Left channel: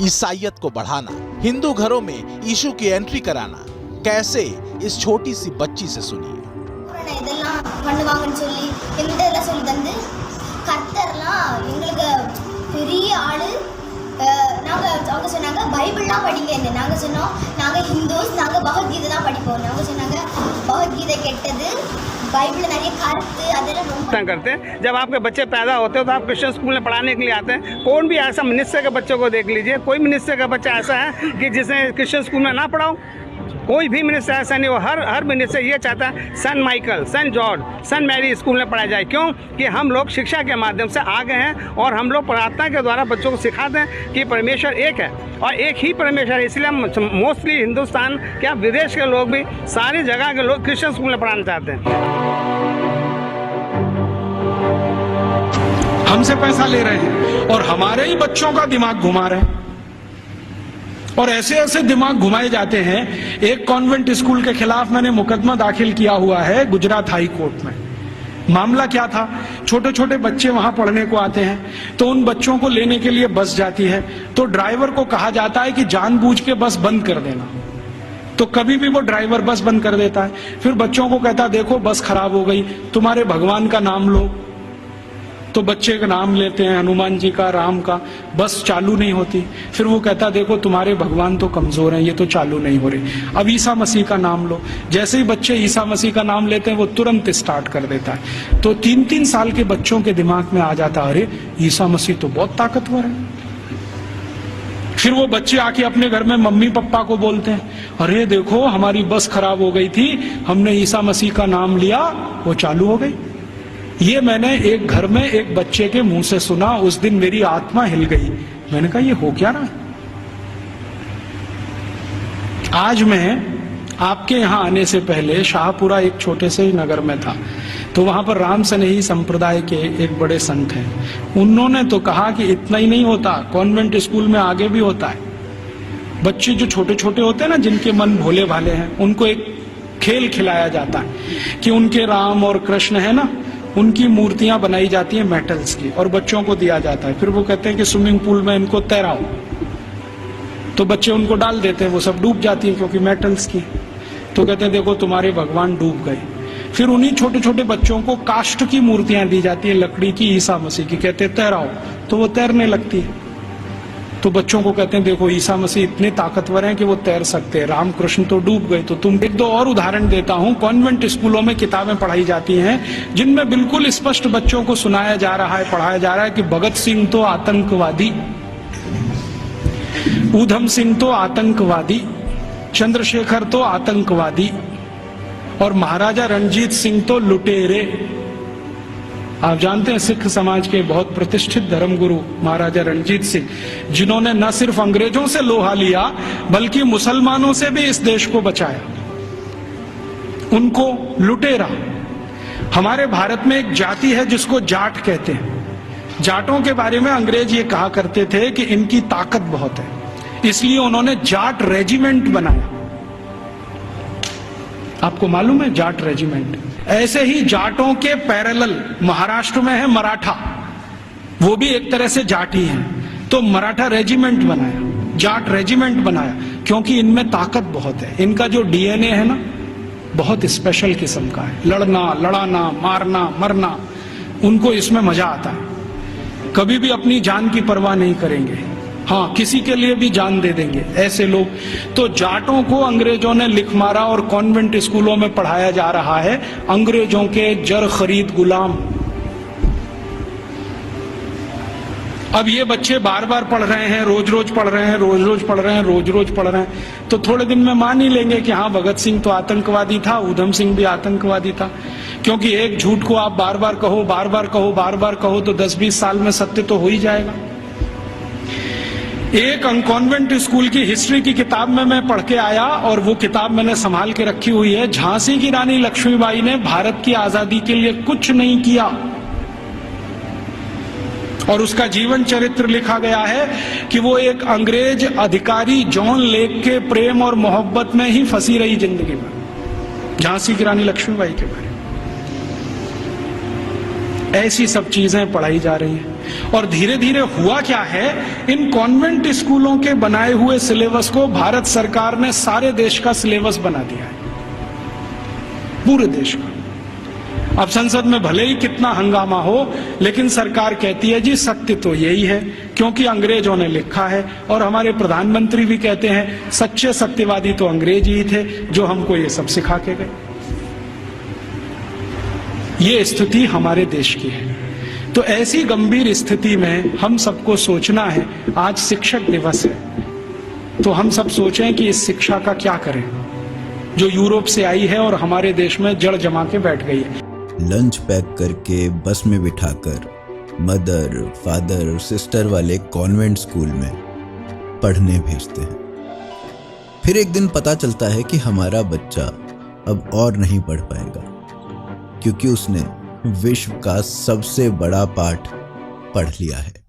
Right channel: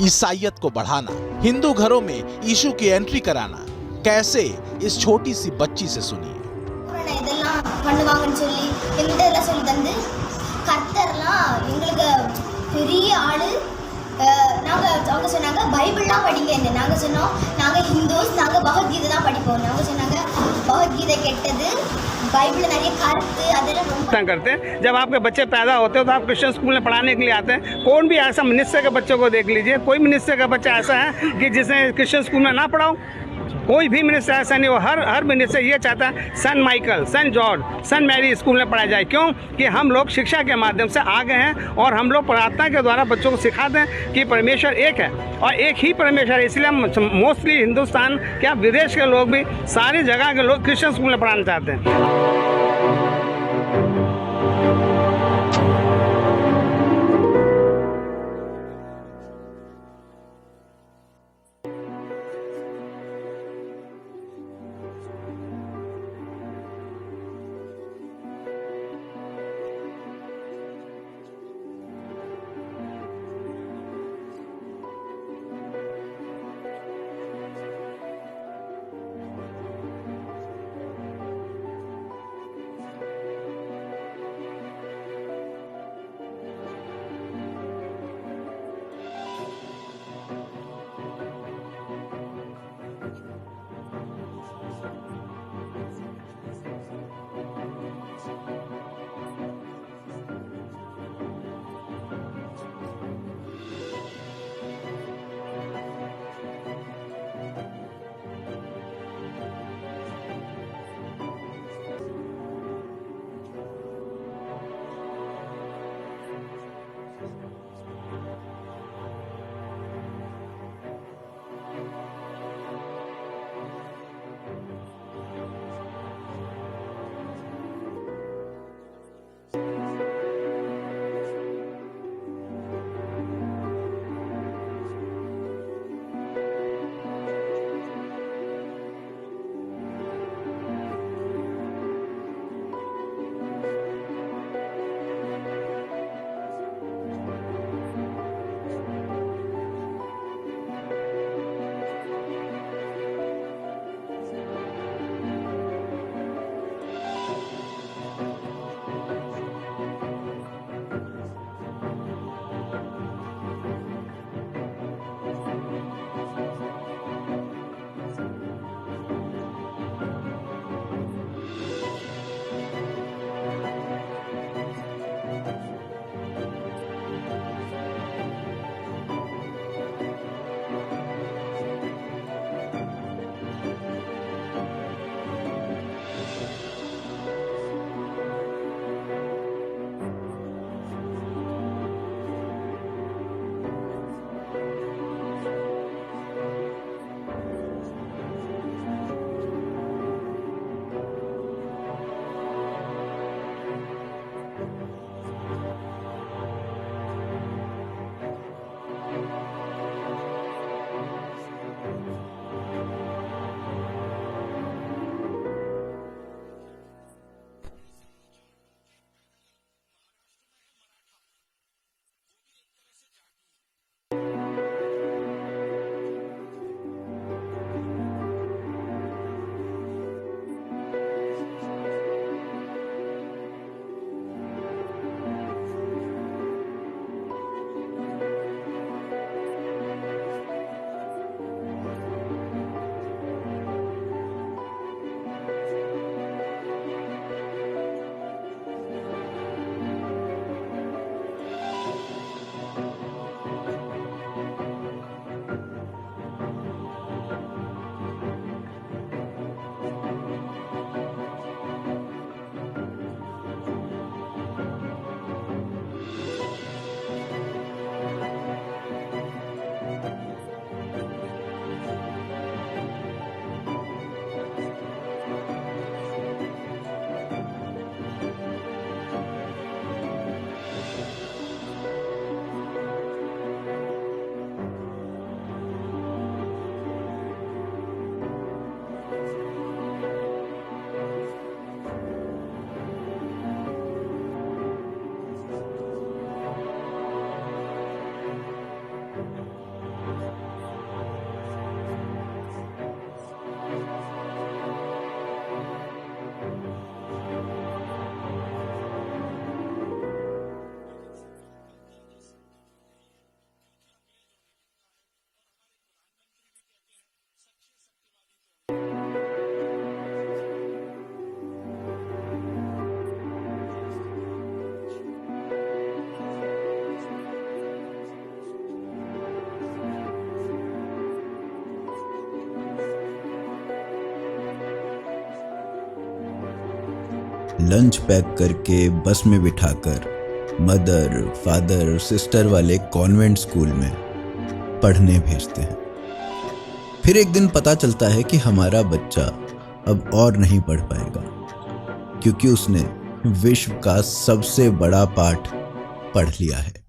ईसाइयत को बढ़ाना, हिंदू घरों में यीशु की एंट्री कराना, कैसे, इस छोटी सी बच्ची से सुनिए। இதெல்லாம் பண்ணுவாங்கன்னு சொல்லி எங்கிட்ட சொல்லி தந்து கர்த்தர்லாம் எங்களுக்கு பெரிய ஆளு. அவங்க சொன்னாங்க பைபிள்லாம் படிங்க. நாங்கள் சொன்னோம் நாங்கள் ஹிந்துஸ், நாங்கள் பகவத்கீதை தான் படிப்போம். நாங்கள் சொன்னாங்க பகவத்கீதை கெட்டது, बाइबल நிறைய கருத்து அதெல்லாம் ரொம்ப करते हैं। जब आपके बच्चे पैदा होते हैं तो आप क्रिश्चियन स्कूल में पढ़ाने के लिए आते हैं। कौन भी ऐसा मनुष्य के बच्चों को देख लीजिए, कोई मनुष्य का बच्चा ऐसा है कि जिसे क्रिश्चियन स्कूल में ना पढ़ाओ। कोई भी मनुष्य ऐसा नहीं हो। हर मनुष्य ये चाहता है सन माइकल, सन जॉर्ज, सन मैरी स्कूल में पढ़ाया जाए। क्यों कि हम लोग शिक्षा के माध्यम से आगे हैं और हम लोग प्रार्थना के द्वारा बच्चों को सिखाते हैं कि परमेश्वर एक है और एक ही परमेश्वर है। इसलिए हम मोस्टली हिंदुस्तान क्या विदेश के लोग भी, सारी जगह के लोग क्रिश्चियन स्कूल में पढ़ाना चाहते हैं। हमसे पैसा ले रहे हैं और हमारे ही बच्चों का दिमाग घुमा रहे हैं और ऐसे ऐसे दिमाग घुमाए जाते हैं। एक कॉन्वेंट स्कूल के खिलाफ मैंने मुकदमा दाखिल किया हुआ है गुजरात हाई कोर्ट में। मामला क्या था, छोटे छोटे बच्चे वहां पढ़ने को आते हैं तो उन बच्चों को लेने के लिए बस जाती है तो ड्राइवर को कहा जाता है कि जानबूझ के बस बंद कर देना। तो कभी भी वो ड्राइवर बस बंद कर देता है। फिर बच्चों को कहता देखो बस खराब हो गई, तुम्हारे भगवान का नाम लो। तो बच्चे का नाम लेते हैं, हनुमान जी का, राम का, बस चालू नहीं होती। फिर वो कहता देखो तुम्हारे भगवान तो कमजोर हैं, ये तो चालू नहीं हो रही। अब ईसा मसीह का नाम लो। जैसे ही बच्चे ईसा मसीह का नाम लेते हैं वो तुरंत स्टार्ट कर देता है। तो 3-3 साल के बच्चों के दिमाग में आ जाता अरे ईसा मसीह तो बहुत ताकतवर है। फिर वो बच्चे आके अपने घर में मम्मी पापा को बोलते हैं अरे देखो हमारी बस खराब हो गई थी, हमने ईसा मसीह का नाम लिया, वो चालू हो गई। ये मैंने एक घर में एक बच्चे के मुंह से सुना। उस दिन मेरी आत्मा हिल गई। मैंने कहा ये हो क्या रहा है। आज मैं आपके यहां आने से पहले शाहपुरा एक छोटे से ही नगर में था तो वहां पर राम स्नेही संप्रदाय के एक बड़े संत हैं। उन्होंने तो कहा कि इतना ही नहीं होता, कॉन्वेंट स्कूल में आगे भी होता है। बच्चे जो छोटे छोटे होते हैं ना, जिनके मन भोले भाले हैं, उनको एक खेल खिलाया जाता है कि उनके राम और कृष्ण है ना, उनकी मूर्तियां बनाई जाती हैं मेटल्स की और बच्चों को दिया जाता है। फिर वो कहते हैं कि स्विमिंग पूल में इनको तैराओ, तो बच्चे उनको डाल देते हैं, वो सब डूब जाती है क्योंकि मेटल्स की। तो कहते हैं देखो तुम्हारे भगवान डूब गए। फिर उन्हीं छोटे छोटे बच्चों को काष्ठ की मूर्तियां दी जाती है, लकड़ी की, ईसा मसीह की, कहते हैं तैराओ, तो वो तैरने लगती है। तो बच्चों को कहते हैं देखो ईसा मसीह इतने ताकतवर हैं कि वो तैर सकते हैं, राम कृष्ण तो डूब गए। तो तुम एक दो और उदाहरण देता हूं। कॉन्वेंट स्कूलों में किताबें पढ़ाई जाती हैं जिनमें बिल्कुल स्पष्ट बच्चों को सुनाया जा रहा है, पढ़ाया जा रहा है कि भगत सिंह तो आतंकवादी, ऊधम सिंह तो आतंकवादी, चंद्रशेखर तो आतंकवादी और महाराजा रणजीत सिंह तो लुटेरे। आप जानते हैं सिख समाज के बहुत प्रतिष्ठित धर्मगुरु महाराजा रणजीत सिंह, जिन्होंने न सिर्फ अंग्रेजों से लोहा लिया बल्कि मुसलमानों से भी इस देश को बचाया, उनको लुटेरा। हमारे भारत में एक जाति है जिसको जाट कहते हैं। जाटों के बारे में अंग्रेज ये कहा करते थे कि इनकी ताकत बहुत है, इसलिए उन्होंने जाट रेजिमेंट बनाया। आपको मालूम है जाट रेजिमेंट। ऐसे ही जाटों के पैरेलल महाराष्ट्र में है मराठा, वो भी एक तरह से जाट ही हैं। तो मराठा रेजिमेंट बनाया, जाट रेजिमेंट बनाया, क्योंकि इनमें ताकत बहुत है। इनका जो डीएनए है ना, बहुत स्पेशल किस्म का है। लड़ना, लड़ाना, मारना, मरना, उनको इसमें मजा आता है। कभी भी अपनी जान की परवाह नहीं करेंगे, हाँ किसी के लिए भी जान दे देंगे, ऐसे लोग। तो जाटों को अंग्रेजों ने लिख मारा और कॉन्वेंट स्कूलों में पढ़ाया जा रहा है अंग्रेजों के जर खरीद गुलाम। अब ये बच्चे बार बार पढ़ रहे हैं, रोज रोज पढ़ रहे हैं, रोज रोज पढ़ रहे हैं, रोज रोज पढ़ रहे हैं, तो थोड़े दिन में मान ही लेंगे कि हाँ भगत सिंह तो आतंकवादी था, ऊधम सिंह भी आतंकवादी था। क्योंकि एक झूठ को आप बार बार कहो, बार बार कहो, बार बार कहो, तो 10-20 साल में सत्य तो हो ही जाएगा। एक कॉन्वेंट स्कूल की हिस्ट्री की किताब में मैं पढ़ के आया और वो किताब मैंने संभाल के रखी हुई है। झांसी की रानी लक्ष्मीबाई ने भारत की आजादी के लिए कुछ नहीं किया और उसका जीवन चरित्र लिखा गया है कि वो एक अंग्रेज अधिकारी जॉन लेक के प्रेम और मोहब्बत में ही फंसी रही जिंदगी में। झांसी की रानी लक्ष्मीबाई के बारे में ऐसी सब चीजें पढ़ाई जा रही हैं। और धीरे धीरे हुआ क्या है, इन कॉन्वेंट स्कूलों के बनाए हुए सिलेबस को भारत सरकार ने सारे देश का सिलेबस बना दिया है, पूरे देश का। अब संसद में भले ही कितना हंगामा हो, लेकिन सरकार कहती है जी सत्य तो यही है, क्योंकि अंग्रेजों ने लिखा है। और हमारे प्रधानमंत्री भी कहते हैं सच्चे सत्यवादी तो अंग्रेज ही थे जो हमको ये सब सिखा के गए। ये स्थिति हमारे देश की है। तो ऐसी गंभीर स्थिति में हम सबको सोचना है, आज शिक्षक दिवस है, तो हम सब सोचें कि इस शिक्षा का क्या करें जो यूरोप से आई है और हमारे देश में जड़ जमा के बैठ गई है। लंच पैक करके बस में बिठाकर मदर, फादर और सिस्टर वाले कॉन्वेंट स्कूल में पढ़ने भेजते हैं। फिर एक दिन पता चलता है कि हमारा बच्चा अब और नहीं पढ़ पाएगा, क्योंकि उसने विश्व का सबसे बड़ा पाठ पढ़ लिया है।